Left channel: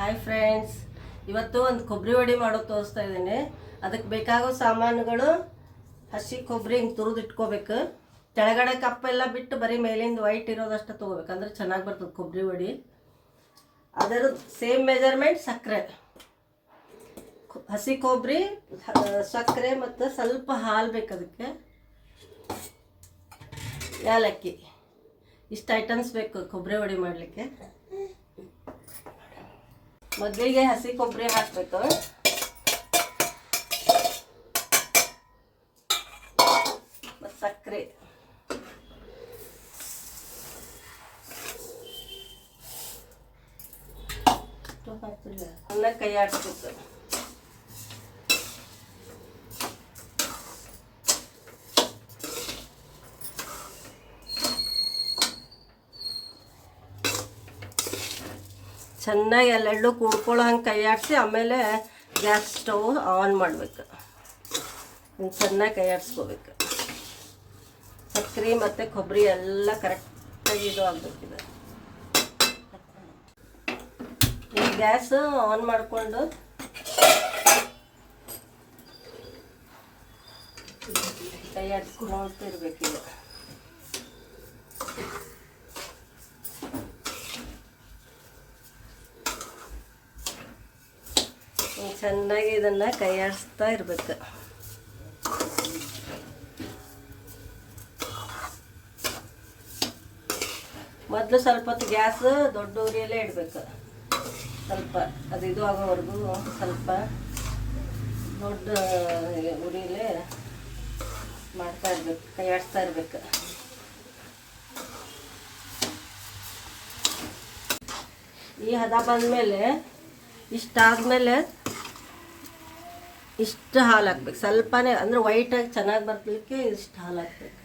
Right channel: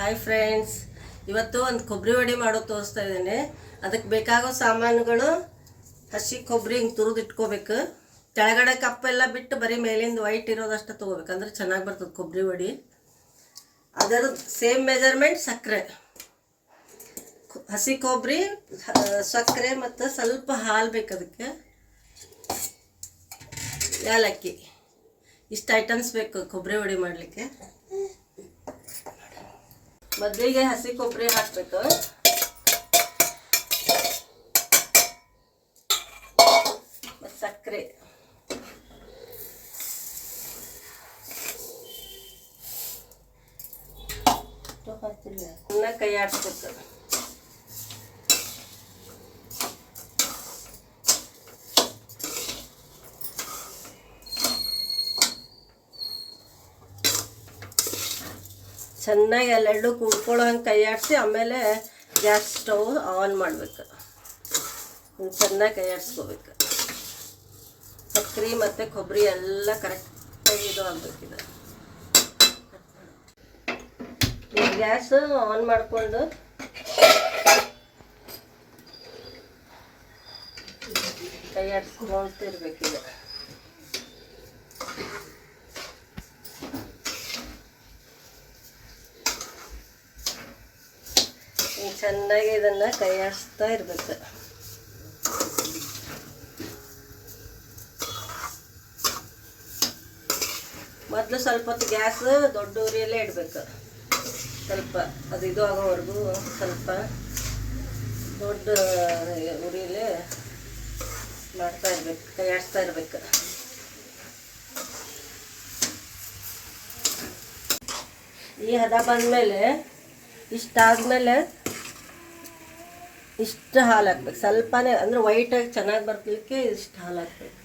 Hi friends, ಇವತ್ತು ಒಂದು ಕೊಬ್ಬರಿ ವಡೆ ಮಾಡೋದು ತೋರಿಸ್ತಾ ಇದ್ದೀನಿ. ಅದಕ್ಕೆ ಬೇಕಾಗೋ ಸಾಮಾನುಗಳು: ಹಸಿ ಕೊಬ್ಬರಿ ಹಿಂಗೆ ತುರಿದು ಇಟ್ಕೋಬೇಕು. ಕೆಳಗಡೆ ಕಪ್ಪೆಲ್ಲ ಬಿಟ್ಟು ಬರೀ ಮೇಲಿಂದ ವೈಟ್ ಇರೋದಷ್ಟು ತೊಗೋಬೇಕು, ಅಂದರೆ ಚೆನ್ನಾಗಿ ಬರ್ತದೆ ಕೊಬ್ಬರಿ ವಡೆ. ಅದರ ಸೇಮ್ ಮೆಜರ್ಮೆಂಟ್ ಸಕ್ಕರೆ, ಹಸಿ ಕೊಬ್ಬರಿ, ಸಕ್ಕರೆ ಮತ್ತು ಸ್ವಲ್ಪ ಹಾಲು ಬೇಕು. ಅದಕ್ಕೆ ಏಲಕ್ಕಿ, ಇಷ್ಟು ಐಟಮ್ಸ್ ಬೇಕು ಕೊಬ್ಬರಿ ವಡೆ ಮಾಡಲಿಕ್ಕೆ. ಮೊದಲಿಗೆ ಹಸಿ ಕೊಬ್ಬರಿ ಹಾಕಬೇಕು. ಮತ್ತು ಸಕ್ಕರೆ, ಕೈ ಆಡಿಸ್ಬೇಕು. ಚೆನ್ನಾಗಿ ಎಲ್ಲೆರಡು ಕುಡ್ಕೊಳ್ಳೋ ಹಂಗೆ ಕೈ ಆಡಿಸಿ ಆಮೇಲೆ ಗ್ಯಾಸ್ ಸ್ಟವ್ ಆನ್ ಮಾಡಬೇಕು. ಚೆನ್ನಾಗಿ ಕೈ ಆಡಿಸ್ಕೋಬೇಕು. ಸಕ್ಕರೆ ಮತ್ತು ಕೊಬ್ಬರಿ ಎಲ್ಲ ಕರೆಕ್ಟಾಗಿ ಇದು ಆಗಬೇಕಿದೆ. ಈಗ ಗ್ಯಾಸ್ ಆನ್ ಮಾಡಿಕೊಂಡು ಕೈ ಆಡಿಸ್ಕೊಳ್ತಿರ್ಬೇಕೀಗ. ಚೆನ್ನಾಗಿ ಇದನ್ನು ಕೈ ಆಡಿಸ್ತಾ ಇರಬೇಕು. ಮೊದಲು ಸ್ವಲ್ಪ ಹೊತ್ತು ಗ್ಯಾಸ್ ದೊಡ್ಡ ಉರಿಯಲ್ಲೇ ಇಡಬೇಕು. ಸ್ವಲ್ಪ ಅದು ಇದು ಆಗೋವರೆಗೂ ಸ್ವಲ್ಪ ದೊಡ್ಡ ಉರಿಯಲ್ಲೇ ಮಾಡ್ತಾ ಇರ್ಬೇಕು, ಕೈ ಆಡಿಸ್ತಾ ಇರ್ಬೇಕು. ಈ ಹದ ಬಂದಮೇಲೆ ಇಷ್ಟಾದ್ಮೇಲೆ ಇಷ್ಟು ಹಾಲು ಹಾಕ್ಬೇಕು. ಸ್ವಲ್ಪನೇ, ಅಂದರೆ ವೈಟಾಗಿ ಚೆನ್ನಾಗಿ ಬರ್ತಲಿಕ್ಕೆ ಇಷ್ಟು ಹಾಲು ಹಾಕ್ಬೇಕು.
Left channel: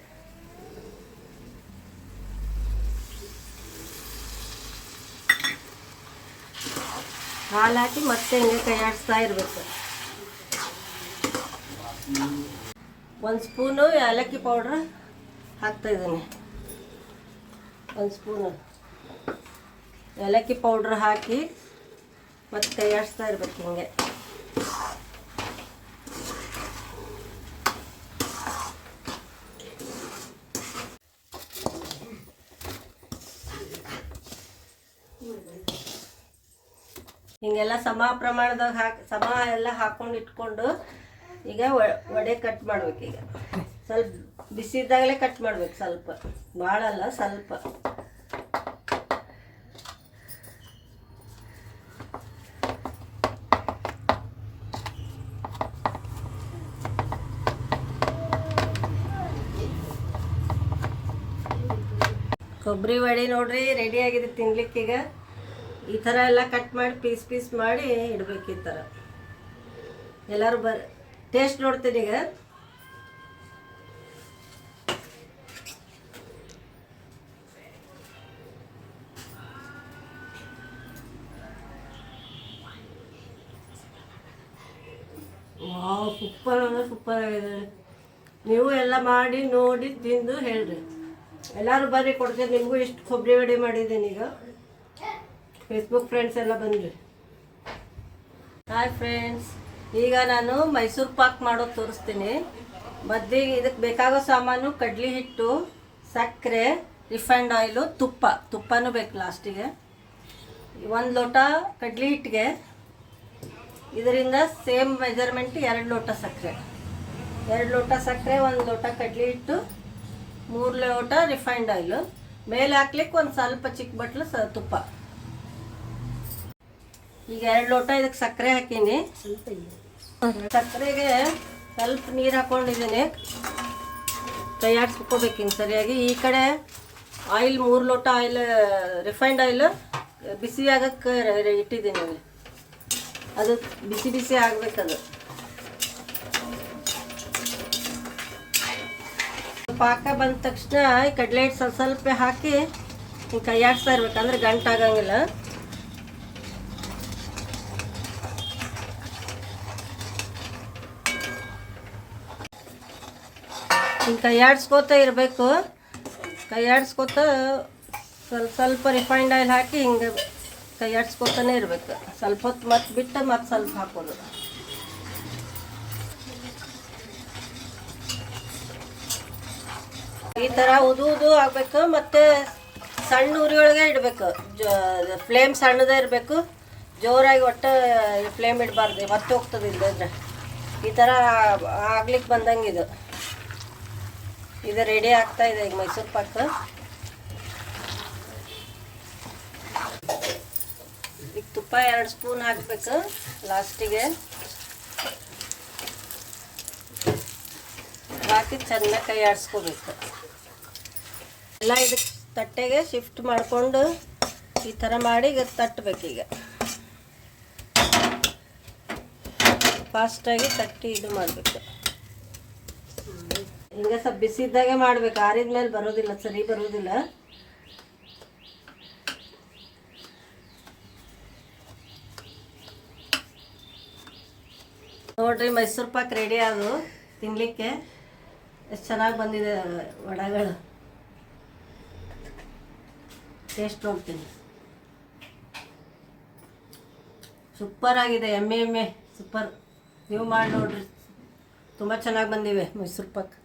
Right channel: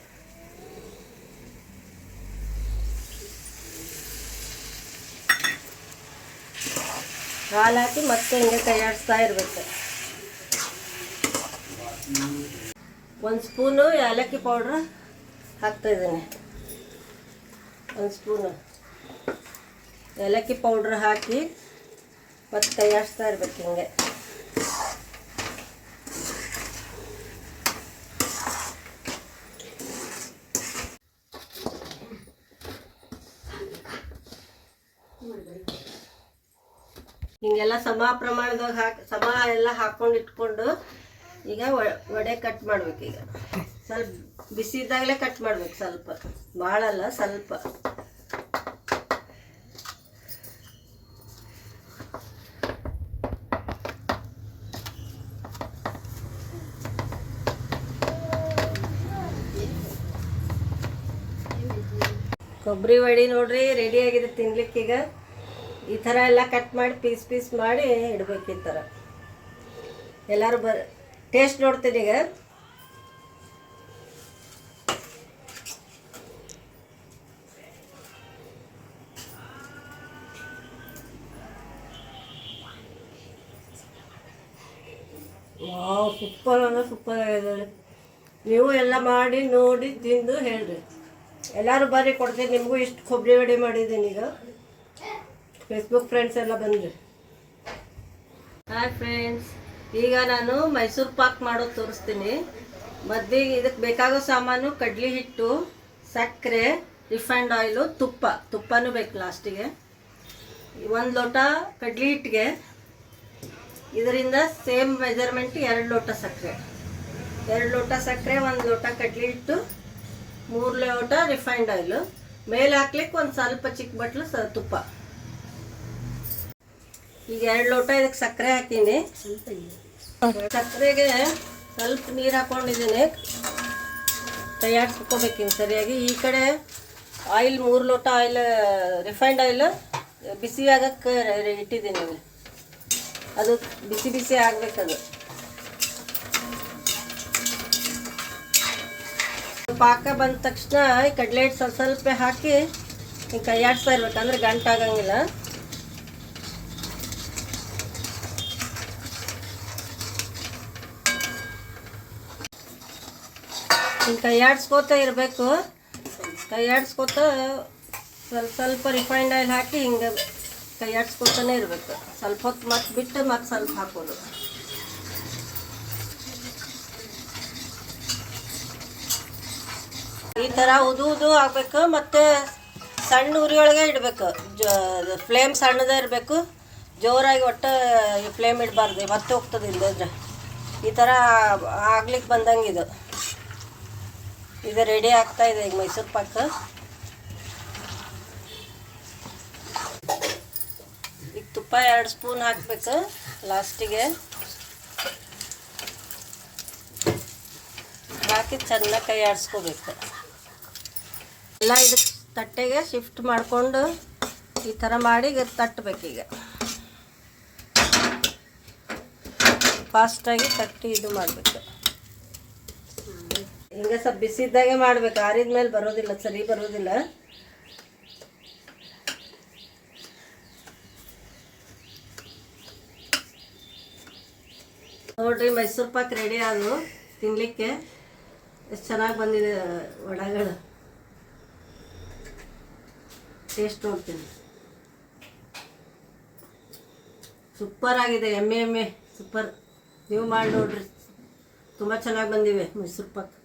ಹಾಲು ಹಾಕಿ ಮತ್ತೆ ಹಿಂಗೆ ಕೈ ಆಡಿಸ್ತಾ ಇರಬೇಕು. ಒಂದು ಸ್ಪೂನು ಏಲಕ್ಕಿ ಪೌಡ್ರ್ ಹಾಕ್ತಾಯಿದ್ದೀನಿ. ಒಂದು ಸ್ಪೂನು ಏಲಕ್ಕಿ ಪೌಡ್ರ್ ಹಾಕಿ ಮತ್ತು ಕೈ ಆಡಿಸ್ತಾ ಇರ್ಬೇಕು ಹಿಂಗೆ. ಹಿಂಗೆಲ್ಲ ಸಮ ಪ್ರಮಾಣದಾಗ ಸಮ ಎಲ್ಲ ಹಾಕ್ಕೊಂಡು ಇಟ್ಕೊಂಡು ಈಗ ವಡೆ ಕಟ್ ಮಾಡ್ಬೇಕು. ಈಗ ಸ್ವಲ್ಪ ಬಿಸಿ ಇದ್ದಾಗಲೇ ಕಟ್ ಮಾಡ್ಬೇಕು, ಸ್ವಲ್ಪ ಭಾಳ ಅಲ್ಲ, ಸ್ವಲ್ಪ. ಕೊಬ್ಬರಿ ವಡೆ ನೋಡ್ರಿ ರೆಡಿ ಆಗಿದೆ ತಿನ್ಲಿಕ್ಕೆ. ಈಗ ಈ ಥರ ಎಲ್ಲ ಕಟ್ ಮಾಡಿ ಪೀಸ್ ಮಾಡಿ ಇಡ್ಬೇಕು. ಈ ಥರ ಎಲ್ಲರೂ ಟೇಸ್ಟ್ ನೋಡ್ತೀನಿ ಈಗ. ಸೂಪರ್ ಅಂದರೆ ಸೂಪರ್ ಆಗಿದೆ. ನೀವು ಎಲ್ಲ ಮಾಡಿ ನೋಡಿ ತಿಂದು ಹೇಳ್ರಿ. ಎಲ್ಲರೂ ಬರ್ರಿ, ಕೊಡ್ತೀನಿ ನಿಮಗೂ. ಇಷ್ಟು ಕೊಬ್ಬರಿ ವಡೆ ಮಾಡಿದ್ದೀನಿ ಈಗ. ಫೇಸ್ಬುಕ್ ಫ್ರೆಂಡ್ಸ್ ಎಲ್ಲ ಬಂದ್ರಿ. ಹಾಯ್ ಫ್ರೆಂಡ್ಸ್, ಈಗ ನಾನು ಮೈಸೂರು ಪಾಕ್ ಮಾಡೋದು ತೋರಿಸ್ತೀನಿ. ಮೊದಲಿಗೆ ಇದಕ್ಕೆ ಬೇಕಾಗೋ ಸಾಮಾನು: ಕಡ್ಲಿ ಹಿಟ್ಟು, ಸಕ್ಕರೆ, ರಿಫೈಂಡ್ ಆಯಿಲು, ತುಪ್ಪನೂ ಬೇಕು ಲಾಸ್ಟಿಗೆ. 1 ಲೋಟ ಕಡ್ಲಿ ಹಿಟ್ಟಿಗೆ ಇದರಿಂದ ಸೇಮ್ ಮೆಜರ್ಮೆಂಟ್ 2 ಲೋಟ ಸಕ್ಕರೆ. 2 ಲೋಟ ಸಕ್ಕರೆ, 1 ಲೋಟ ಕಡ್ಲಿ ಹಿಟ್ಟು, 3 ಲೋಟ ರಿಫೈಂಡ್ ಆಯಿಲು. ಮೇಲೆ ಹಾಕ್ಲಿಕ್ಕೆ ಒಂದು ಸ್ವಲ್ಪ ಚಿಕ್ಕ ಬಟ್ಲು ತುಪ್ಪ. ಈಗ 2 ಲೋಟ ಇದಕ್ಕೆ ಸಕ್ಕರೆ ಹಾಕೀನಿ. ಸಕ್ಕರೆಗೆ ಸ್ವಲ್ಪ ನೀರು ಹಾಕ್ಕೊಂಡಿದ್ದೀನಿ. ಕೈ ಆಡಿಸ್ಕೋಬೇಕು ಹಿಂಗೆ ಸರಿಯಾಗಿ. ಈ ಕಡೆ ಆಯಿಲ್ 3 ಲೋಟ ಆಯಿಲ್, ರಿಫೈಂಡ್ ಆಯಿಲ್ ಬಿಸಿ ಆಗಕ್ಕೆ ಇಟ್ಟಿದ್ದೀನಿ. ಅದು ಬಿಸಿ ಆಗಬೇಕದು. ಪಾಕ ಬಂದ ತಕ್ಷಣ ಕಡಲೆ ಹಿಟ್ಟು ಸ್ವಲ್ಪ ಹಾಕಿ ಹಿಂಗೆ ಕೈ ಆಡಿಸ್ತಾ ಇರ್ಬೇಕು, ಅಂದರೆ ಗಂಟಾಗಂಗಿಲ್ಲ. ಹಿಂಗೆ ಕೈ ಆಡಿಸ್ಕೋತಾ ಇರಬೇಕು. ಕೈ ಆಡಿಸ್ಕೋತಾ ಸ್ವಲ್ಪ ಸ್ವಲ್ಪ ರಿಫೈಂಡ್ ಆಯಿಲ್ ಹಾಕಿ ಹಿಂಗೆ ಕೈ ಆಡಿಸ್ಕೊತಾನೆ ಇರಬೇಕು. ಸ್ವಲ್ಪ ಹೊತ್ತು ಮತ್ತೆ ಬಿಟ್ಟು ಮತ್ತೆ ಸ್ವಲ್ಪ ಹಾಕೋದು. ಈ ಥರ ಉದು ಆಗಬೇಕು. ಮತ್ತು ಸಣ್ಣ ಉರಿಯೊಳಗೆ ಇಡಬೇಕು. ಫ್ಲೇಮ್ ಸಣ್ಣದೇ ಇರಬೇಕು. ಜೋರಾಗಿ ಒಟ್ಟು ಫ್ಲೇಮ್ ಇಡಬಾರ್ದು, ಮತ್ತೆ ಹೋಗ್ತದೆ ಇಲ್ಲದ್ರೆ. ಈ ಥರ ಆಗ್ಲಿಕ್ಕೆ ಬಂದಂಗೆ ಇದು ರೆಡಿ ಆಗ್ತಾ ಇದೆ ಈಗ ಮೈಸೂರು ಪಾಕ್. ಈಗ ತುಪ್ಪ 2 ಸ್ಪೂನ್ ಹಾಕಬೇಕು ಲಾಸ್ಟಿಗೆ. ಹಾಕಿ ಚೆನ್ನಾಗಿ ಕೈ ಆಡಿಸ್ಕೋಬೇಕು. ಎಲ್ಲ ಇದಕ್ಕೆ ತಟ್ಟೆಗೆ ಶಿಫ್ಟ್ ಮಾಡಿಕೊಂಡು ಈ ಥರ ಮಾಡಿ ಈಗ ತಟ್ಟಬೇಕೀಗ. ಫಾಸ್ಟಾಗಿ ತಟ್ಟಿ ಇದು ಮಾಡಬೇಕು. ಹಿಂಗೆ ಸ್ವಲ್ಪ ಬಿಸಿದ್ದಾಗೆ ಮಾಡಬೇಕು. ಆರಿದ ಮೇಲೆ ಬರೋದಿಲ್ಲ, ಸರಿ ಬರೋದಿಲ್ಲ. ನೋಡ್ರಿ, ಮೈಸೂರು ಪಾಕ್ ರೆಡಿ ಆದವು ತಿನ್ನಲಿಕ್ಕೆ. ಎಷ್ಟು ಚೆನ್ನಾಗಿ ಬಂದಿದೆ ವಡೆಗಳು. ಟೇಸ್ಟ್ ನೋಡ್ತೀನಿ. ಸೂಪರ್ ಆಗಿದೆ. ಎಮ್ಮೆ ಸೂಪರ್. ನೀವು ಮಾಡಿ ನೋಡ್ರಿ, ತುಂಬ ಚೆನ್ನಾಗಿ ಬಂದಿವೆ ಮೈಸೂರು ಪಾಕ್.